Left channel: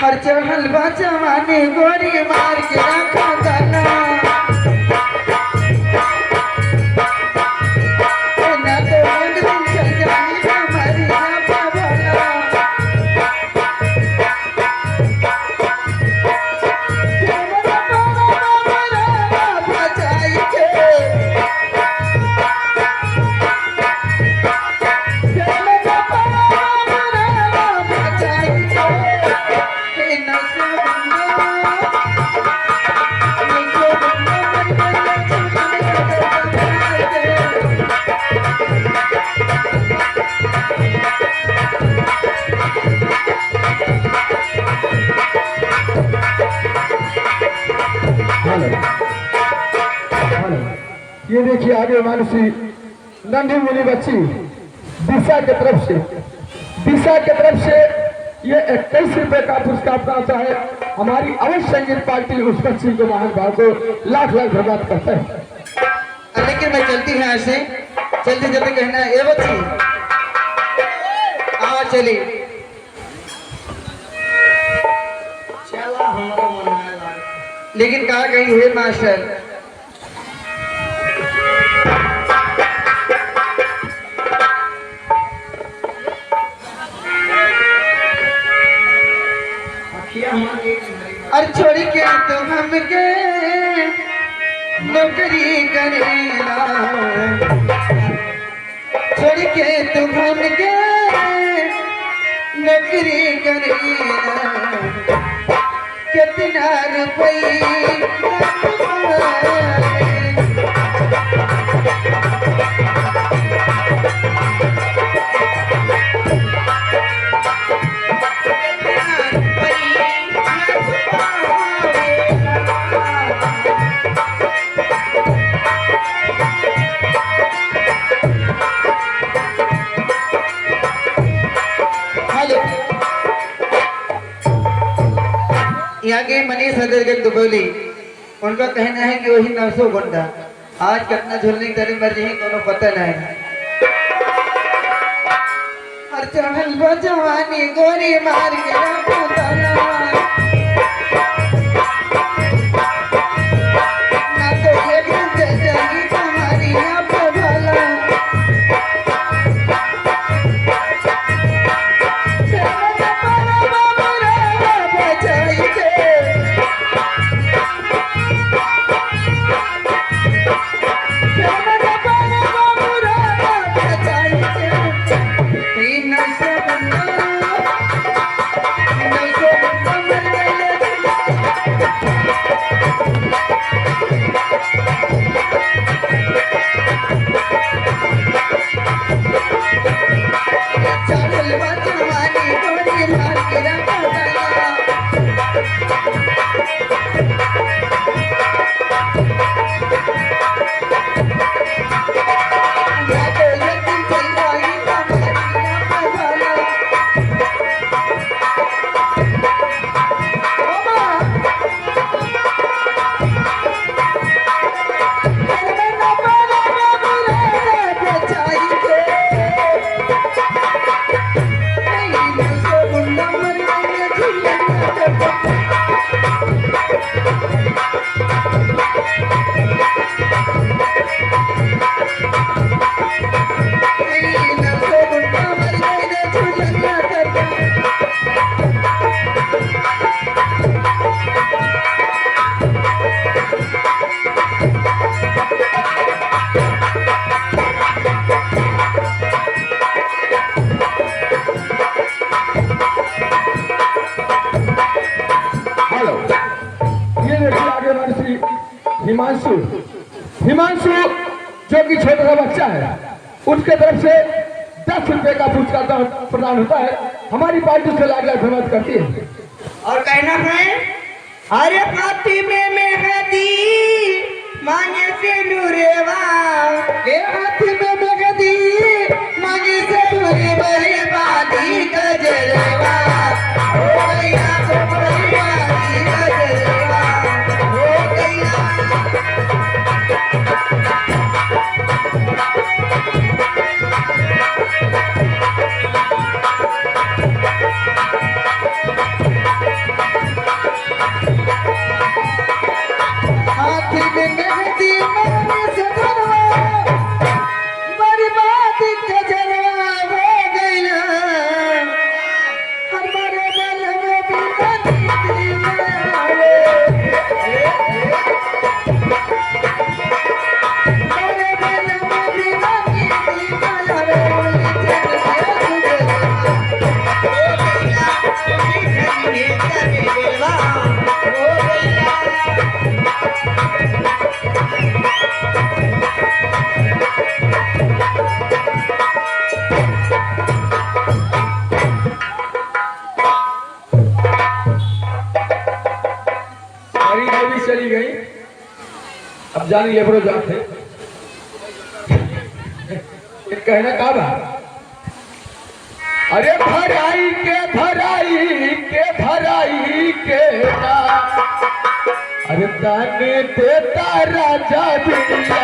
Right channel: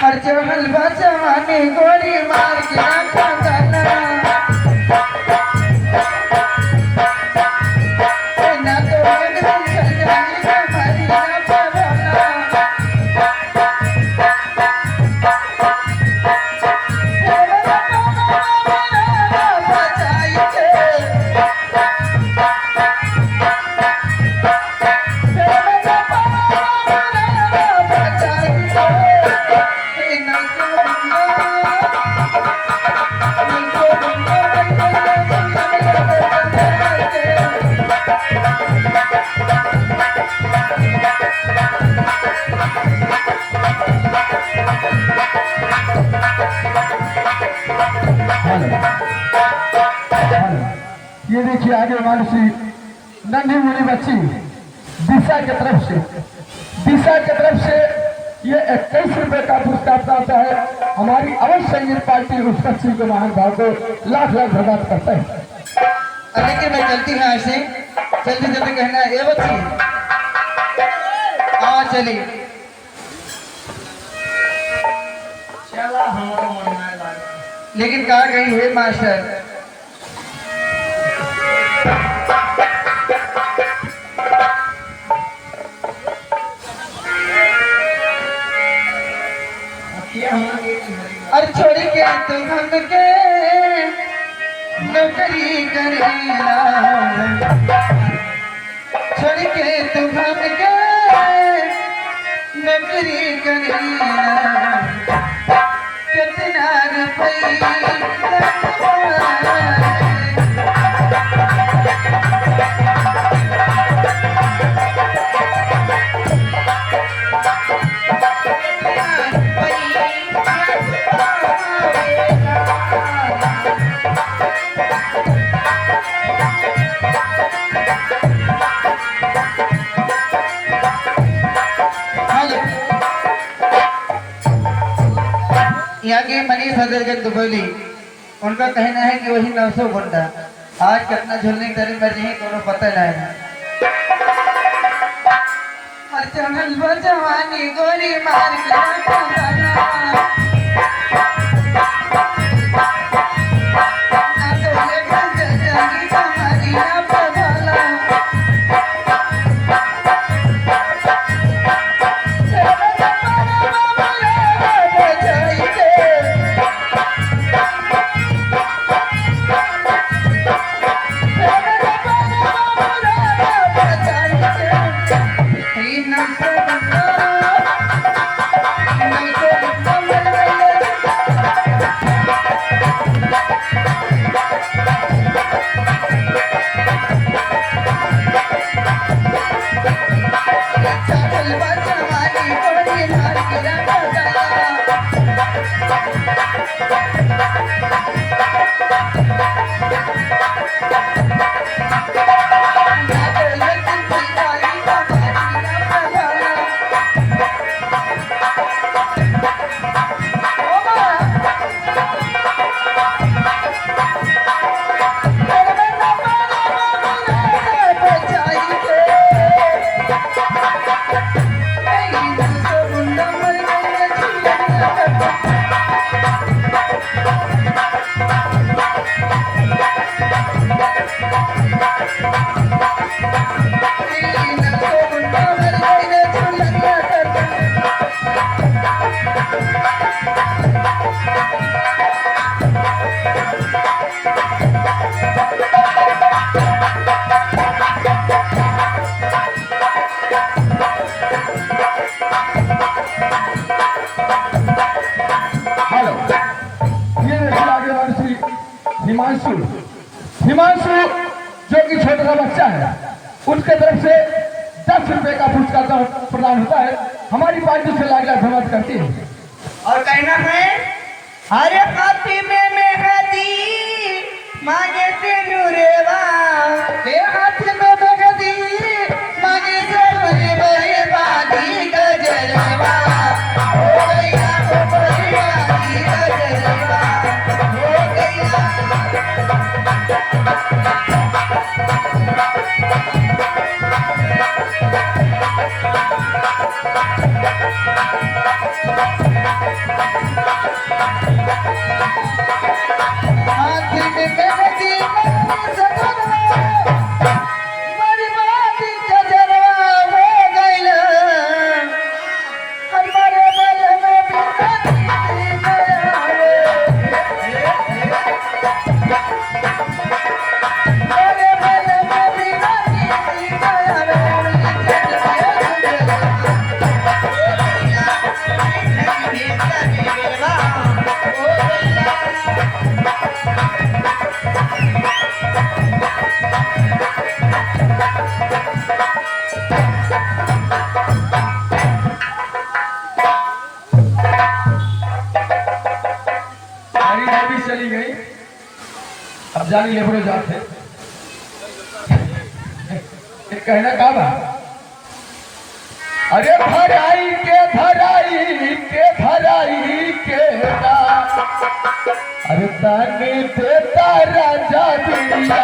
हर हलवा जवानी गोरी मार के रखा गाना ना तो एक दिन चल जानी हमारी ना पावाला बचाई के ये देखिए आगे मानसी नन्ही मुनी बच्ची दिशा की तरफ से ये 21 रुपए का पुरस्कार प्राप्त है। हमारी अवश्य संगीत पार्टी उस बच्ची को महान भाव को लाख लाख धन्यवाद करता है। लेकिन मैं चलती है ऐसे चलते चलते कहना है ए बच्ची हाँ चली लेकिन कहा गई है मास्टर और छोड़ी के तुम हमके नौकरी करेला छोड़ी के तुम हमके नौकरी करेला कितना रुपया यहाँ के मनीष हजरत दुबौली उनका कहना है कि वही 900 घंटा आज कितना झूलने की तारीख मर रही तो पता नहीं हर चढ़ल जवानी गोरी मार के हिमांशु जो कि छोटा सा बच्चा है उसके तरफ से 10 रुपए का पुरस्कार प्रदान होता है। हमारी पार्टी से लाख लाख धन्यवाद करती है। और कहना है हरे फातिमे में हदी मांगे से नूरेवा हाथ में बगदी मांगे से नूरेवा दी गजरेवा हो गया हो गजरेवा हो गया हमारी देवी चली गई, अब जानी लेबरो जाते कहना का बा, अरे भराई के ना, अरे दाने देता राजा दिया